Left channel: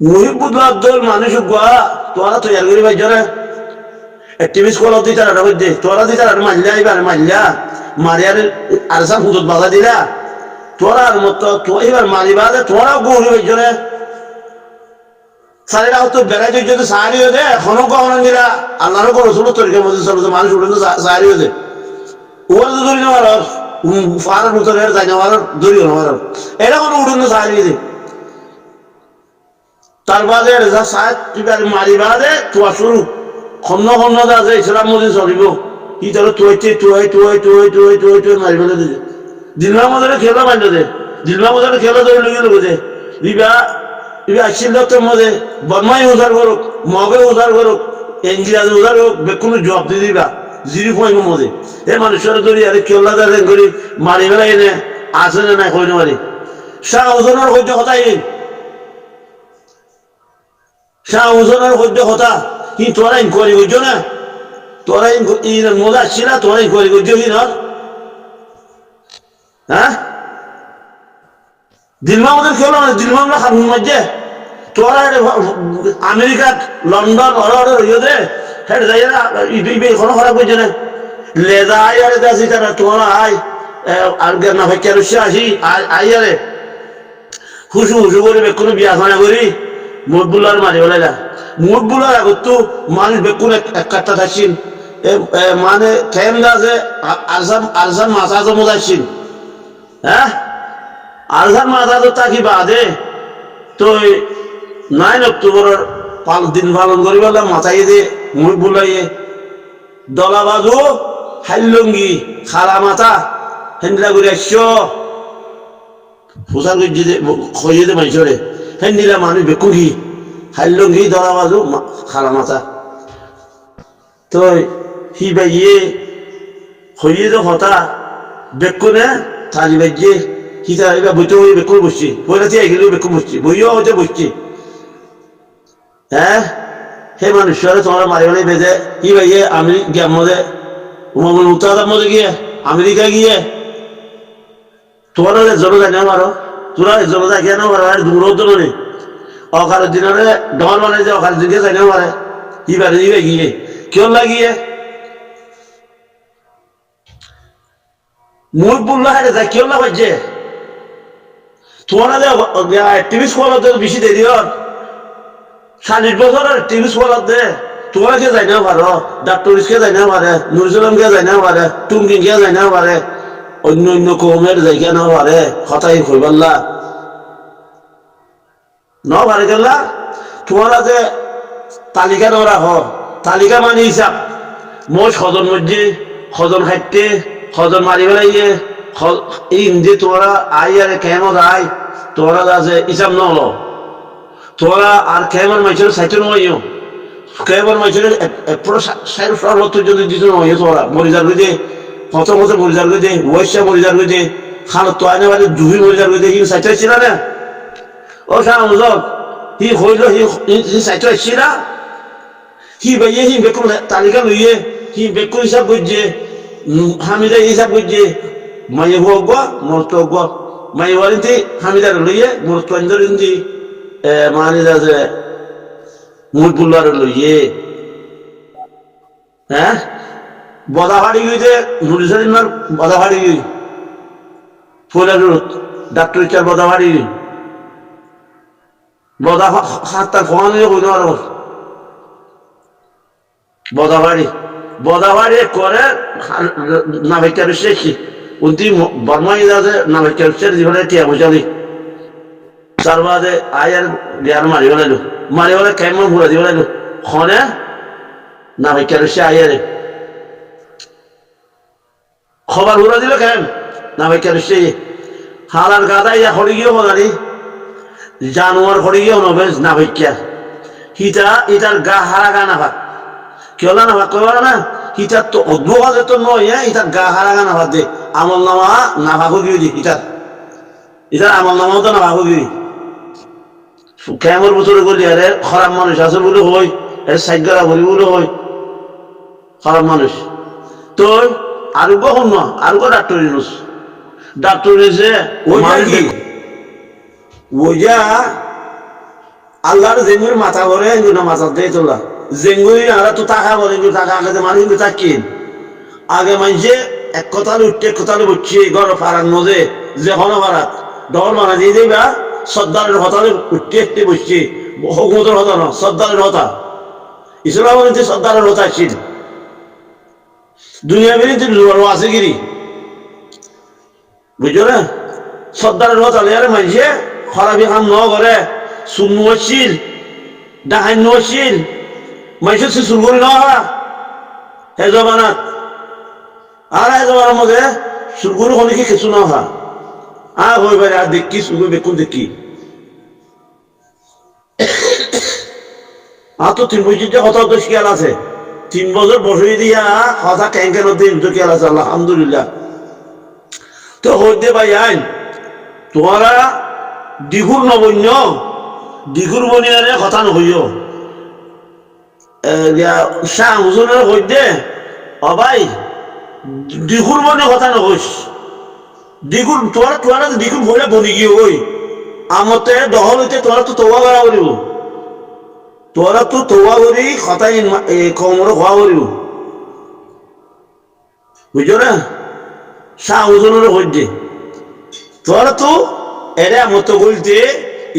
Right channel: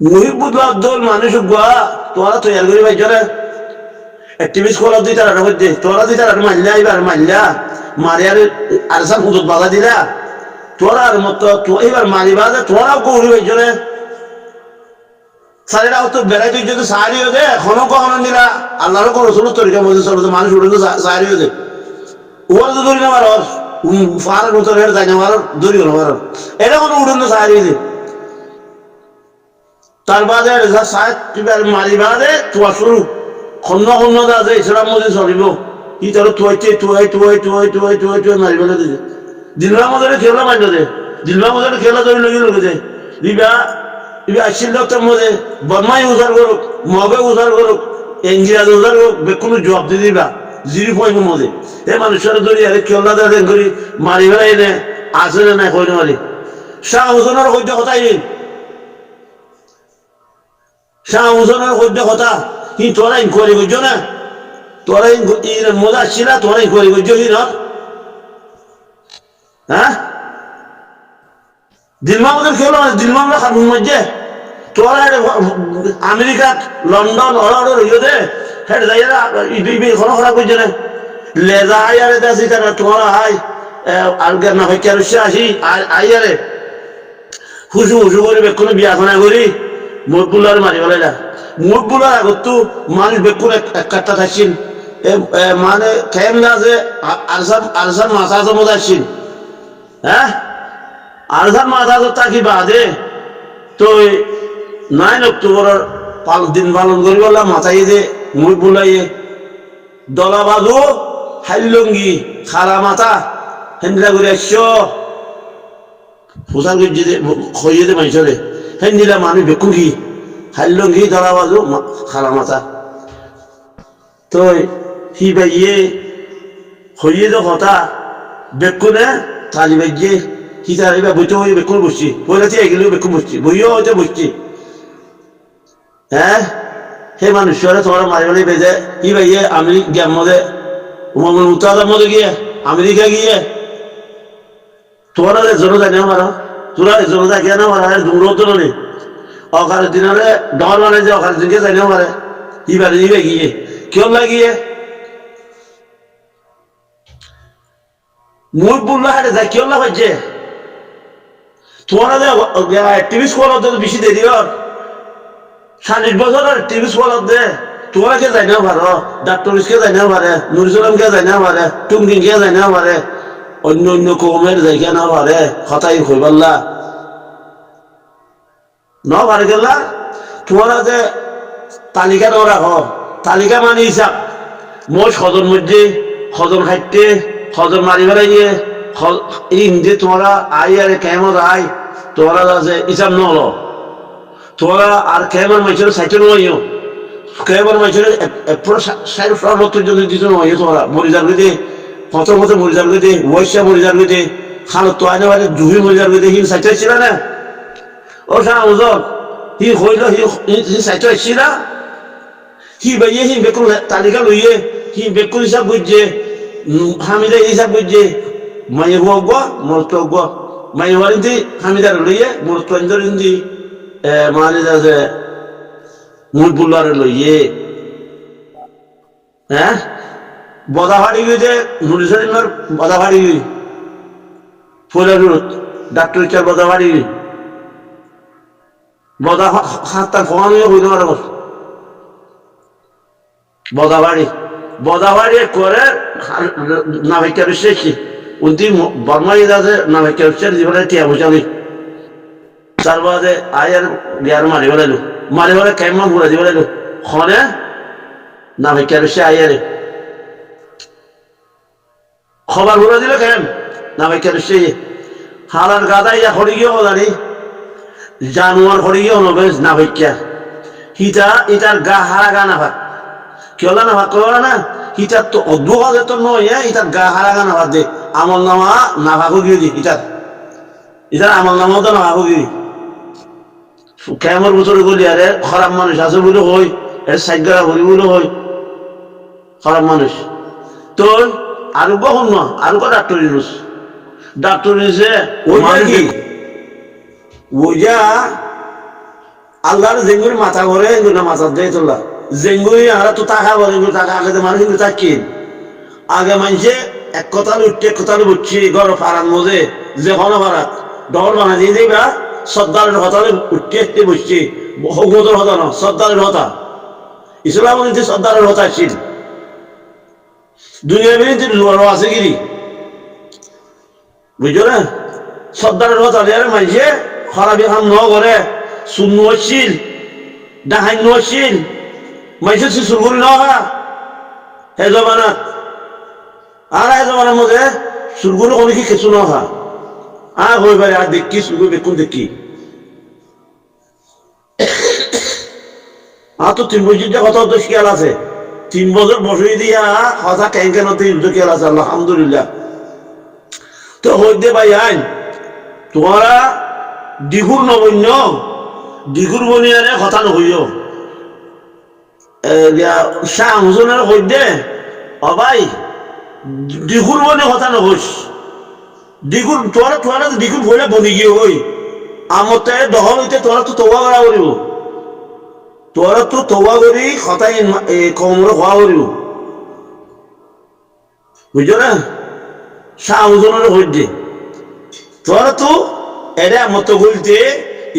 মুহিবুল্লাহ আব্দুল মানুষ গোয়া তোরা তৈয়ার করি ভাই জরে টিভি স্কুল দি তার মধ্যে তোরা দি তার মাল্লা এবার মাল্লা মারিয়ার আর সব হুদুদ বাধা দিলা তোরা আর মতো এবার মারিবা তোরা গৌরী ভাই জরে সারিটা তো বেড়াইতে যদি সাহারি হয়ে যায় এখনো কখনো নিলা আল্লাহরও কোনো রসুল তরিকার মধ্যে চলো মানুষ উঠে তো সাহারি হয়ে যায় ওর তো ধরি না মারর ফারার মতো যাই না মারর ধরিও না মারর এটা কোনো উঠে না সাহারি হয়ে তার বাদে মারি বাদে তোয়া শুরু খন্ন খন্ন দা আছে ইসলাম মধ্যে চলিব কি তোর তুয়াইছে তুয়াই মারি ফেলে দিছে দিলমা মধ্যে খেলা মাইল দে দিলমা মধ্যে খেলা ধরে লগি লোক যে দিবা ইবা আসছিল তোর মধ্যে বদমাই উজার করুক মগে উজার করুক ইংরাজি উজার করুক বেকুনো জবাব দিয়ে দিবা জিরি পয়েন্ট মধ্যে এ মানুষের ধরি আরে খেলা দেখেন করি মারি ফেলাই এনে আছে না নাই কইনে মারি শাহ হুজনের কইতে কথাই শাহ হুজনের কইতে কথা কিন্তু তোরা ইনকোয়ারি করছো না তোরা মজা আসছিল তোরা ইনকোয়ারি করছো হিনর হ্যাঁ দিলমা আমাদের খেলো মানে দিলমা আমরা খান মধ্যে তোরা আমেরিকাত লন্ডন অর্ডার হইও দে হেড যাই এখনো খরা করছে না লেজা আই আরে আসি তারা তোমার আই আর না ভাই কেন আসি আই আরে হুসু হুসু করে বেক্ষণ বিয়াখানা করি মুরবুল্লার মারি ফেলাইলা মুরবুল্লার আগত তো মানুষ বেক্ষণ এক কাটটা থাকছিল মানে খেমদা আছে আরসান মাথা জমা আসছিল হ্যাঁ আরসান মাথা তো তাকি বাদে তো 9 অক্টোবরের দিন পালন করি বললাম মাথায় দে মুরবুল্লাইয়ে দলা বাজু হাইলঙ্গি খালা মাথা হেন্দিলা করে আসছ পোশাক খইয়ে দে মাইছরে হেন্দিলা মানুষ বেকুন কি হাইলঙ্গি দলা বাজু খালা মাথা তো হি বাইয়ে খইয়ে দে হতা বেকুনে তালি বাইয়ে হিতা এবার বইতে হয়ে বেকুন বসছি পয়লাতে এগেলেও বেকুন বসছি বইও হইতে বসছি হ্যাঁ হে মানুষরে তোমরা মারি বলে বেজে কি ভাইয়ে আমেরিকা মধ্যে উত্তরাদার মধ্যে গিয়ে আমেরিকা গিয়ে তোরা জন যায় না মারো তোরা জন যায় গিয়ে না মারো আর দূরও তো নেই অকারের দিনরে ডর মানে যে অকারের দিনকে যায় না মারে ইবারে দিবে গিয়ে কেউ লাগিয়ে মুখ বুল্লা হাটে যায় কেউ না হচ্ছে তোমরা টিভি স্কুল বেশি দেরি হর 40 বছর টিভি স্কুল দে তোমরা কে যাই না পারো ডাক্তার কে যাই না পারে নুরুসালাম কে যাই না পারে টুমকিং কে যাই না পারে অন্য অন্য কমের যাই না পারে কথাই কইবাল্লা ন পারে গেলা তোমরা যে তালিকা ন রাখ তালিকা মানে হিসাব মোট সজন মধ্যে সজন খাইতে সজন মারি ফেলাইয়ে ইন্দে তোমরা আই আরে কেমন আই তোমরা আছে হিসাব ন হলো তোরা আর কেমন মাইছের সাইতে নয় কেমন মাইছের পুরো 60-70 জন দিতে নয় তোরা মরিজার গদে কত কত মরিজার গদে ওয়াইশা মরিজার গদে খালো তো আইনা বারে জুহি মরিজার গদে হি সাইতে ছিল না ও শাহ হুজুর হি হইল হি সাইতে ছিল হি বাইয়ে হি বেকুল তালিকা লইয়ে হি বেকুল হিসাব বুঝে হামিদা হিসাব বুঝে মাই গো মরত গো মাই ওয়ারিন্দি হামিদার লইয়ে মরত ইন্দি মানে যে মুরবুল্লার লইয়ে হ্যাঁ বদাহাড়ি গিয়ে নুরিসার বদাহাড়ি ফুলের ডাক্তার চার বদাহাড়ি বদা হাতটা খোয়ানো হইতে পারে বদাহাড়ি করে নাভিকার শেষি উন্তি বর্মাই আছে নাভিকার শেষ জীবনে টিয়া বুঝালি তার বাদে আয়ার গিয়ার মারি ফেলে কেমন ঘুরে দি ফেলাইলো খনে না ভাই কেন সে আয়ারে খবর ঘুরে দিল কেন না ভাই কেন সে হারার গাদা ইয়া খড়ি গিয়ে হদানি জানুয়ার খড়ি গিয়ে হনবে না ভাইকা হিতা ইটার গা হারা গা না ভাগ কেউ না ভাগ কেউ না হিতার তো অদ্ভুত হাজার তো নয় ইটার গা হারা গা না ভাগ দে আমল নামা না ভাগো গিয়ে দি ইটার আমল নামাও তো না ভাগো গিয়ে কেমন বছরে গলি আরে খারাপ মানুষ আছে বলে হই এটা সাইগারা করি বলে হই খারাপ মানুষ তো আর কখন না আর ডাক্তার ইউনুস ডাক্তার ইউনুসে ওই যা আল্লাহর জেঙ্গুরি মাথা ভরে না মাথা দিয়ে তোলা জেঙ্গুরি আমরা তো টাকা ভরে টাকা আগে যে মানুষ কিন্তু থাকি আগে মানুষে এক কথালে উঠতে এক কথালে বুঝছি গড় ফারান মজে যে হনো ফারাত ডর বানা দিয়ে দেবা সর্দারের হতালে উঠতে একটে বসছি হকুমতের হতা ন সর্দারের হতা ইসলাম কিন্তু সর্দারের হতা ছিল দুনিয়া বিরুদ্ধে আছে গিরি বুঝছো না সর্দারের হতালে আরে মানুষে খরাবি খান ন করে সুন্ন ছিল ডাহাই নছিল মানুষের শিশুর করে না হে জবানাত আর হে জবানার মধ্যে সুরগুলো অনেকে কিছু না হা আর হয়ে পারে আর দেখি সুরগুলো বেকুন দেখি আর তো 3 বছর যে কত খেয়াল আছে 3 বছর বসে দিয়া কথা কেন কেন 3 খেয়াল আছে আলহামদুলিল্লাহ তো হইতে ভাই আইন তোমারা ডিগুর নবন্য ডিগুর বনিয়ারে কথা নহইও শাহ হুজনের হইতে ও ভাই ডিগুর বনে কথা নহইস ডিগুর তোরা ডিগুর ভরে বনি গিয়ে ওই আমতে দহল হইতে তোরা তো তৌবা করা করিব তোরা তো তৌবা করি কথাই কমর হওয়া করিব বুঝছো না শাহ হুজনের হইতে তোরা তো এটা মতো বলতে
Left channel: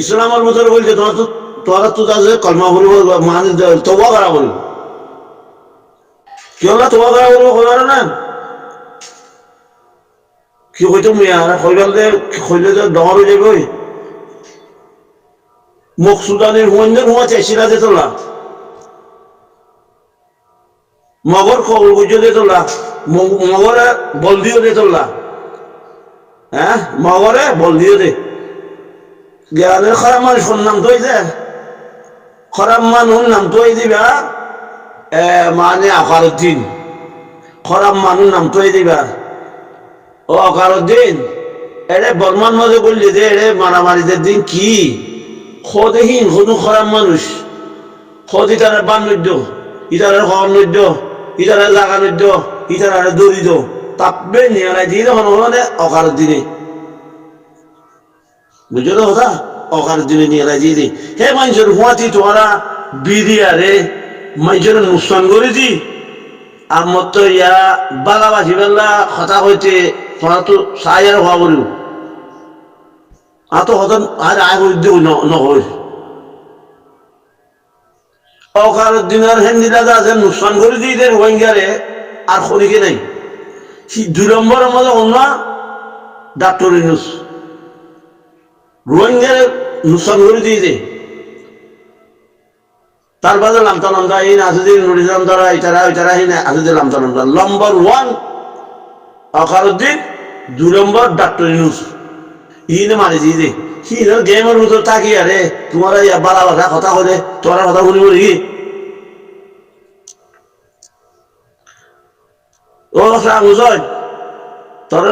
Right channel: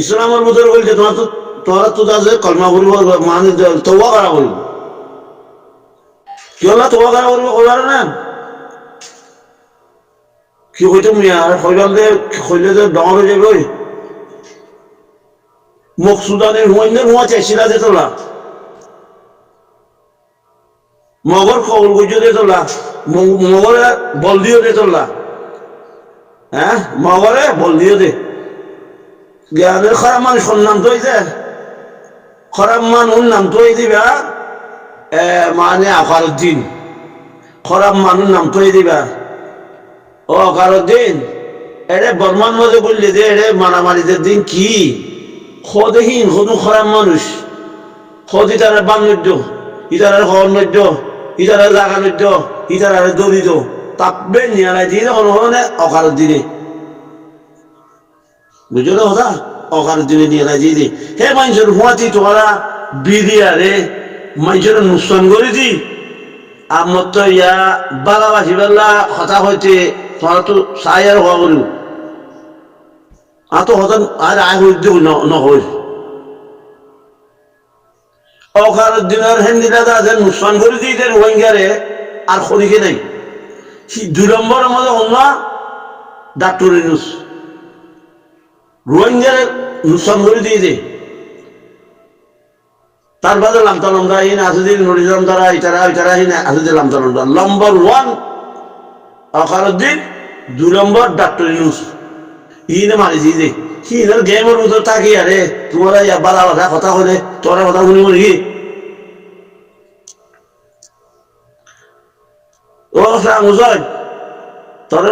ইসলামের মতো বলতে তোরা তো কলমা করিব মানে তৌবা করা করিব কি হল তৌবা করা করিব কইবার না কি কইতো মিয়া কইবার দে কইলে যে ডর হয়ে যাবে ওই মকসুদানের হুয়ানদের হুয়া চাইছিলা যে তোলা মগর কবল গুজো দিয়ে তোলা মগরে বল দিও দে তোলা হ্যাঁ মগরে বল দিও দে জ্ঞানের খারাপ মানুষের নাম তো যে খারাপ মানুষ নাম তো দিবা মানে আকারুদ্দিন খারাপ মানুষ নাম তো দিবা ও আকারুদ্দিন এরে বর্মান মধ্যে বললি যে এরে মারামারিদের দিন কি খদেহীন কোনো খারাপ মানুষ খদ ইতারা বান্নৈদ্য ইতারা হর্নৈদ্য ইতারা জাগানৈদ্য ইতারা দরিদ্র তাপবে নিয়ালাই দিয়ে হনে অকারুদ্দিনে বুঝছো না কথা অকারুদ্দিনে নিয়ালাই দিয়ে দি হে মানুষের হুয়াতি তোমরা বিদিয়ারে মানুষের নুকসান করে দি আমার তো ইয়া বালাবাসি বেলা কথা হইতে তোমরা তো চাই আর হওয়া করিব আতো হতান আর আয় হইতে নহই অকারুদ্দিনের হেন্দিলা আছে নুকসান করে দি দের রোহিঙ্গারে আর খনিকে নাই 2 নম্বরের মধ্যে অন্য ডাক্তার ইউনুস রোহিঙ্গারে নুকসান করে দিয়ে দে তার বাদে লামতা লামদা ইন আসুদ্দিন নুরিজাম তারা ইতারা হিন আসুদ্দিন লামতা লামদা নম্বর 1 অকারুদ্দিন 2 নম্বর ডাক্তার ইউনুস ইনে মারি দিয়ে দে হিনার গেমের মতো তাকি আরে তোমারা ইয়া বালা বালা কথা কইলে তোরা কথা শুনিব নাকি ও শাহ হুজুর তোর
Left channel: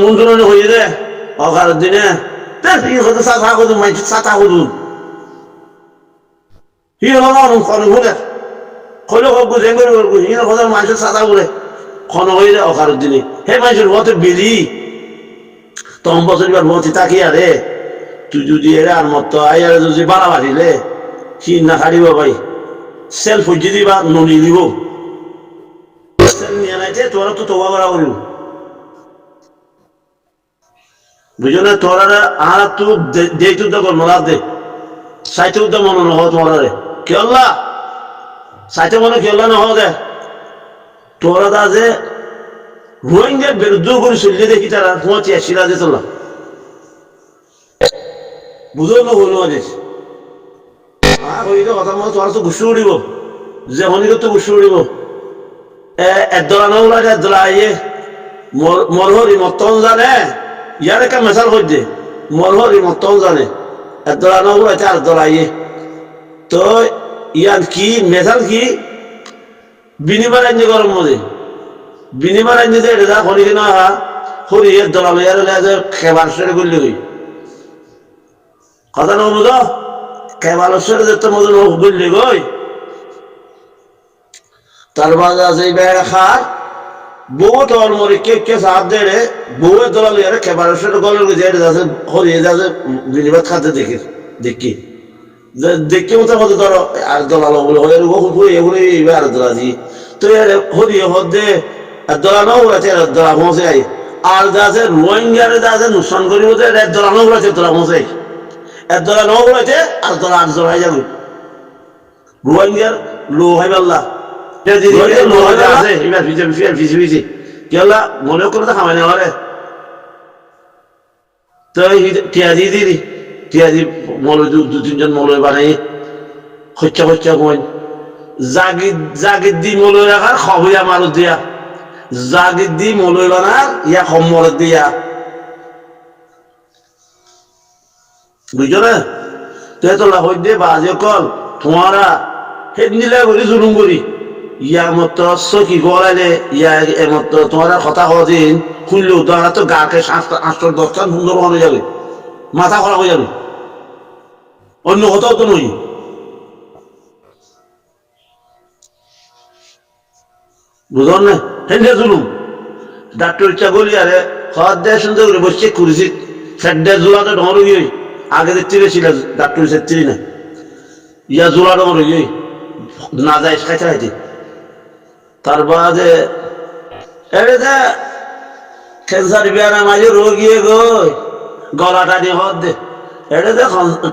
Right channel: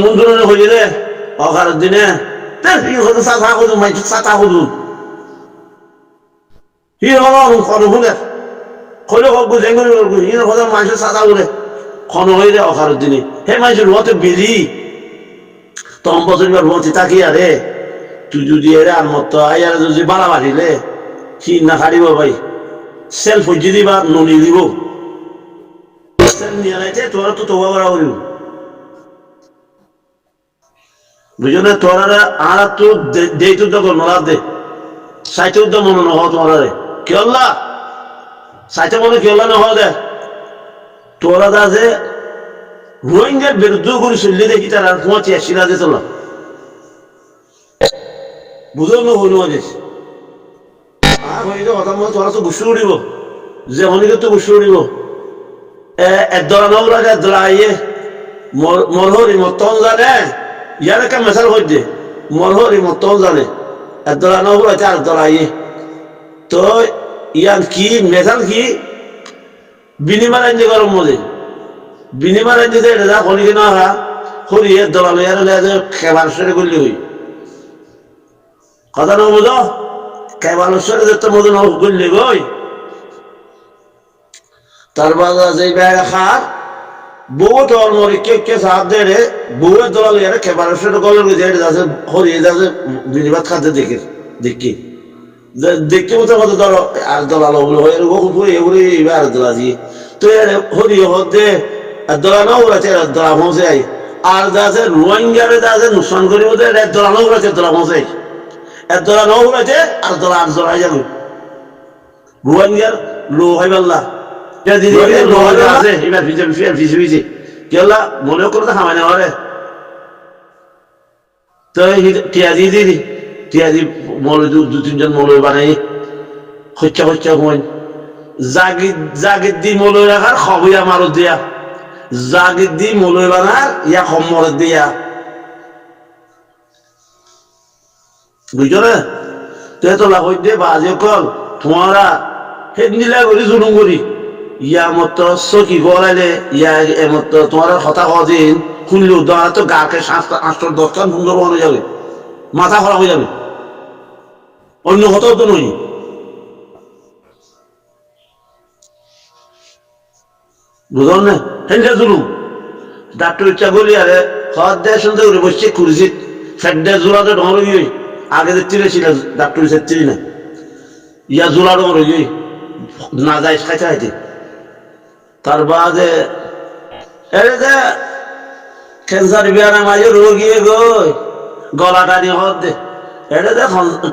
মন ধরনের হয়ে দে অকারুদ্দিনে সাথা খুদুন মাইছি সাথা খুদুন হি হল খন শুনে কইলে হোক জেঙ্গুরি ইনে কথা মানুষের সাথা বলে খন হয়ে দে অকারুদ্দিনে হে মানুষের হতে বেলি তম বছর এবার হতে তাকি আরে তুই যদি এরে আর মত আইয়ারে যদি বাড়া বাড়িলে সি না খাড়িব ভাই সেলফ হইতে দিবা ননি দিব সেল নিয়ে নাইতে তোরা তো তোবা করা করিব বুঝো না তোরা আর তো দেই তো দগর মরা দে সাইতে উদ্দ মনে নহ তোরা রে কি আল্লাহ সাইতে মনে কি আল্লাহ নহ দে তোরা দা যে রোহিঙ্গার বিরুদ্ধে করে চললে দেখি তার আর 85 দে তোলা বুঝো না হইল আদিস হইলে কথা মনে তোরা তো গুছু উড়িব যে হনিকে তো গুছু উড়িব একদলা নহলা একদলা আইয়ে মরহরি মতন জানে ইয়ার একটা মেশাল হয়ে দে মরহরি মতন জানে একদলা নহলা আর একদলা আইয়ে তো ইয়ার কি মেশাল কি বিনিময় রাজ্য গরম মধ্যে বিনিময় রাজ্য এটা যা হনিকে না হা হরি একদলা লইয়ার যে খেবার সেরে করলে হই কথা ন বুঝো কেবালেশ্বরে যেতে মতো নগল্লি গই তার বাজা যে বেড়া খার বউ তোর মরে কে সাপ দে রে বউয়ের দলাল ইয়ারে কেবালেশ্বরে গলের যেটা আছে হরিয়ে যাচ্ছে বিনিবাদ খাতে দেখি দেখতে মতো কত ধরো আর দলালো বলে আর দলা দি তো হরি হদে দলানো উড়াছে দলা পৌঁছে আই আর যা আছে রোহিঙ্গারে যা আছে নুকসান করি মতো দলানো উড়াছে দলা পৌঁছে দলানো উড়াছে আর দলা আর দলাই যাবে রোহিঙ্গার লো হয় পাল্লা লো হয় আছে এবার ফিসে ফিসে কি হল্লা মনে করে তো খামাই না রে তো টিয়াজি দিদি টিয়াজি মলয় দু তিনজন মলয় বানাই হচ্ছা হচ্ছা কই জাগিদ দি মলয় রাখার খবই আমার দিয়া জাগিদ দি মলয় বানার ইয়া খমর দিয়া বুঝছো না তো তোলা হই দে বাজে কল তোমারা হেড নিলে করি জুলুম করি ইয়া মতো চকি গলাইলে ইয়া এমতো তোমার কথা কদিন শুনলেও ধরা তো গাকে 8-10 সুন্দর হয়ে যাবে মাথা খারাপ হয়ে যাবে অন্য কথাও তো নই বুঝলেন না হেন্ডে জুলুম ডাক্তার ইচ্ছা গলি আরে খাওয়ার দেয় সুন্দর করে বসছে কুড়িছি ফেডে জোড়াতে ডর গিয়ে আগে দেখতে ছিল ডাক্তার সেত্রি না ইয়া জোড়া ডর গিয়ে না যায় খাইতে খাইতে তার বাদে এরে দে ক্যান্সার বিয়ার মাঝে রোগিয়ে গই গলাটা নিয়ে হদ দে এটা দে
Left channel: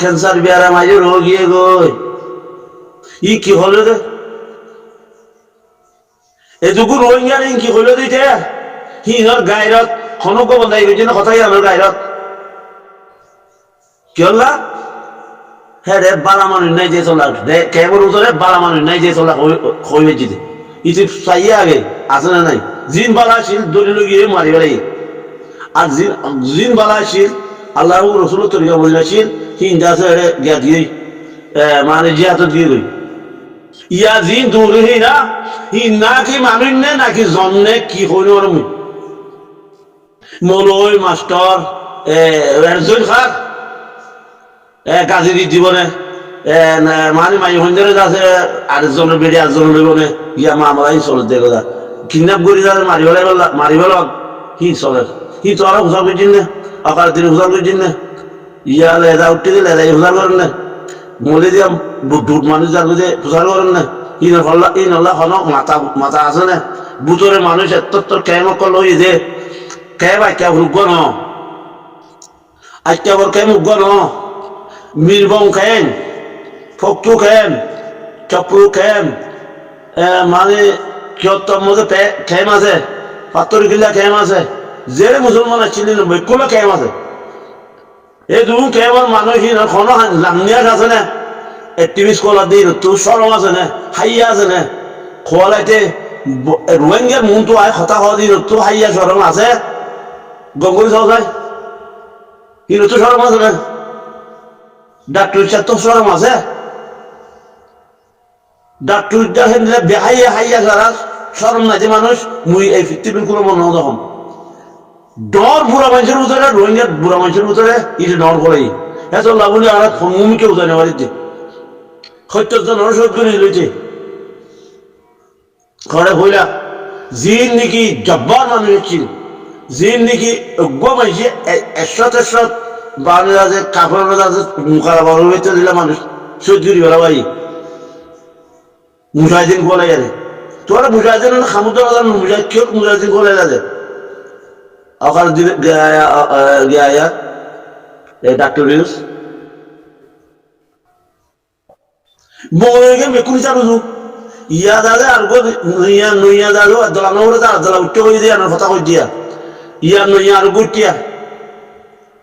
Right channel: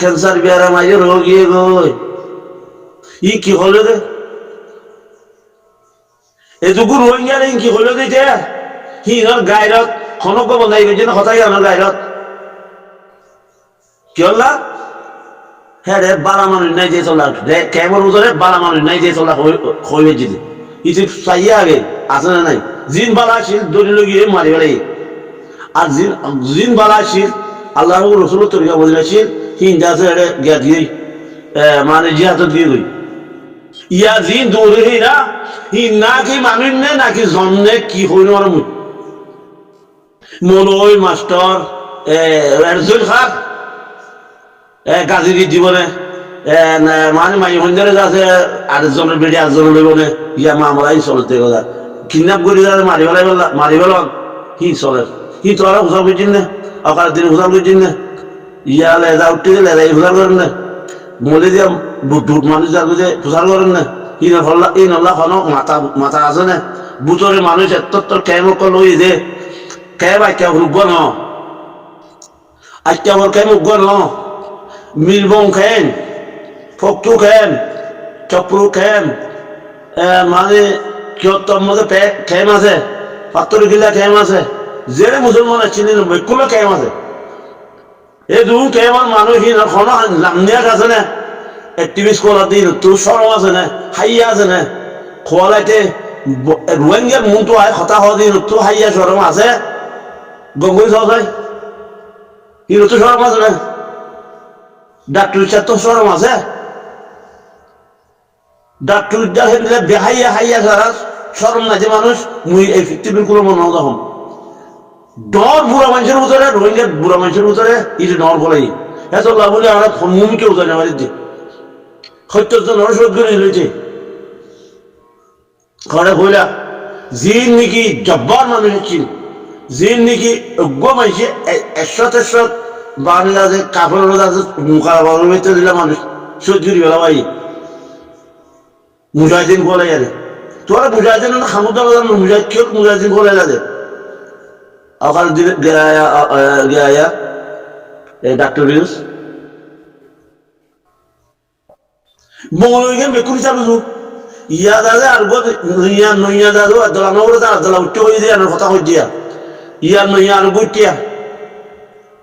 ক্যান্সার বিয়ার মাঝে রোগিয়ে গই ই কি হলো দে এটুকু রোহিঙ্গার কি হলো দিতে হিনর গায়রত খনক বন্ধাই গেছে না কথাই আমার গায়রত কি হল্লা হ্যাঁ রে বালা মানুষ নাই যে চলা কেবল উজরে বালা মানুষ নাই যে চলা হয়ে যেতে ইতি চাইয়া আগে আছে না নাই জিন বালা আসিল দলিল গিয়ে মারি বেড়াই আর জিন বালা আসিল আল্লাহ রসুল তরিকা বলে আসিল হিন্দা আছে গিয়া দিয়ে মানে জিহাত দিয়ে গই ইয়া জিন দৌড়ে হই না হি না কি মানুষ নে নাকি জন্মে কি হইন আর মুই মলয় মাস্টার এরজল খার গাজির জীবনে মানে মাই হন্দারে যাচ্ছে আরেকজনের বেড়ে আরেকজনের লইবনে ইয়া মামলা হি চলে দেখো যা কিডন্যাপ করি যাবে মারি ফেলন হি চলে হি তো আরো হুসার করছেন না অকাল দিনে হুসার করছেন না ইয়া লেদা উঠতে গেলে লেদাই হুসার করেন না মলে দিয়া বুট মানুষ যার বুঝে হুসার করেন না ইনল্লা খন মাথা আছে না বুতরে মানুষ এত কেমন করলো যে কেব আজ্ঞা রুগ্গ ন আজ্ঞা বর কেম উগ্গ ন মিরবং খেন ফকটু খেন চপ্রু খেন মানে কিয়ত্তর মধ্যে খেম আছে 70 কিল্লা খেম আছে জেরে মুসলমান আসছিলেন বেকুলো খেম আছে এই দু খেমর মানুষ কোনো লামনিয়াত আছে না এক্টিভিস্ট কলার দিন তোর সরম আছে না হাইয়া আছে না খোয়ালাইতে রোহিঙ্গার মন তো আয় কথা হওয়া দিন তো হাইয়া সরম আছে গঙ্গুরি সহ যায় কিন্তু তো সরম আছে না ডাক্তার ইচ্ছা তো সরম আছে ডাক্তার ইচ্ছা হেনলে বেহাইয়া হাইয়া সারা সরম নাই যে মানুষ মুই এই পৃথিবীর কোনো মনে তখন ডর বুড়া মানুষের ভিতরে রোহিঙ্গার বুড়া মানুষের ভিতরে ইটি ডর করাই এত লাভ বলে আমরা মুমিকে উজানে বাড়িতে সত্যজন শোধ করে লইছে ঘরে হইলা জিন নাকি জব্বার মানুষ ছিল জিন নাকি অজ্ঞ মানুষ 100 বাড়ি আছে কাপড় আছে মুখারা বাবুর ভিতরে দিলে মানুষ শোধ করি বেলা ভাই মুজাহিদিন গোলাই আরে তোরা মুজাহিদিন খামুদ্দ বাজার মুজাহিদ কেউ মুজাহিদিন গোলাই লাগে আকার দিলে গিয়া ডাক্তার ইউজ মঙ্গলকে বেকুনি চালু ইয়া দাদা আর ইয়া নইয়া দাদু দলা নগরে যা দলা উঠতে হয়ে দিয়া কথা কই দিয়া ইয়া নইয়া আর গুটিয়া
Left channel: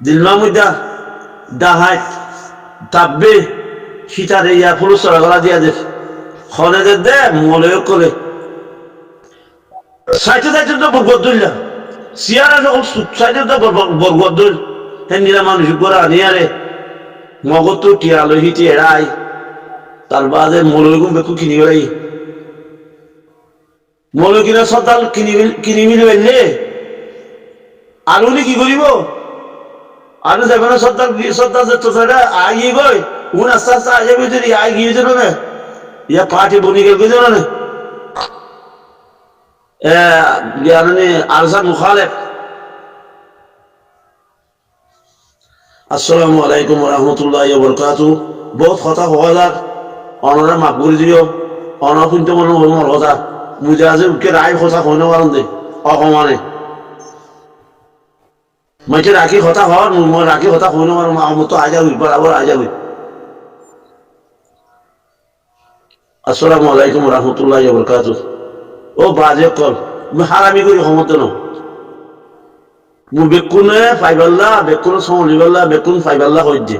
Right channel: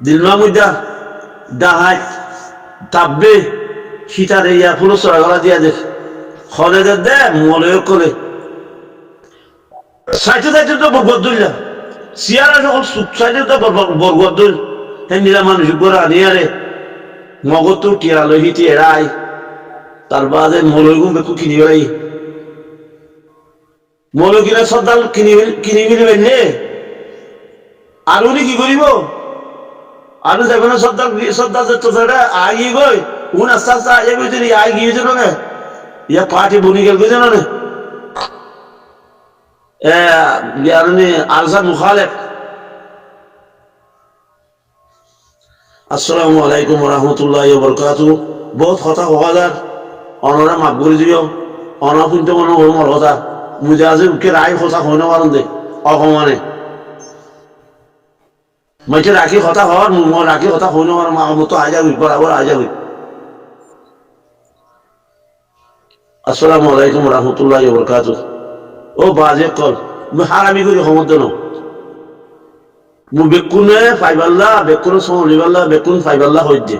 দিলমা মুদা ডাহাই তাব্বে সীতারে ইয়া ফুল সরা গলা দিয়া দে খনে দে মলয় করে সাইতে সাইতে তো বরগদ দিলা সিয়ারা সকল সাইতে তো বরগদ দিল হে নীলা মানুষ গোরা নিয়ারে মগজ তো টিয়া লহিতে এড়াই তার বাদে মলয় গুম বেকু কিনি বেড়াই মলয় কিনা সর্দার কিনি মিলি বেললে আর উনি কি করিব আর যাবে না সর্দার যে তোরা আগিয়ে গই উন আস্তে আস্তে আগে বুঝলি আই গিয়েছে না ইয়া পার্টি বনি গেল গেছে না ইয়ানি আরসার মুখালেফ আসসালামু আলাইকুম ওয়া রাহমাতুল্লাহি ওয়া বারাকাতুহু বহুত কথা হওয়া যাক অনরা মাফ করে দিও অনরা কিন্তু মনে মর কথা মুজা যে উঠে রায় কথা হয় না পারেন দে অকমানে মাইকে রাখি কথা হওয়ার মই রাখি কথা হয় না পারেন আমার তো আজাবি বরাবর আজাবি। আসসালামু আলাইকুম রহমতুল্লাহ বরকাতুহ। ও বাজে কল হারামি করি সমর্থ ন মু বেকুনে ফাইবাল্লা বেকুনে সমলিবাল্লা বেকুন ফাইবাল্লা হইছে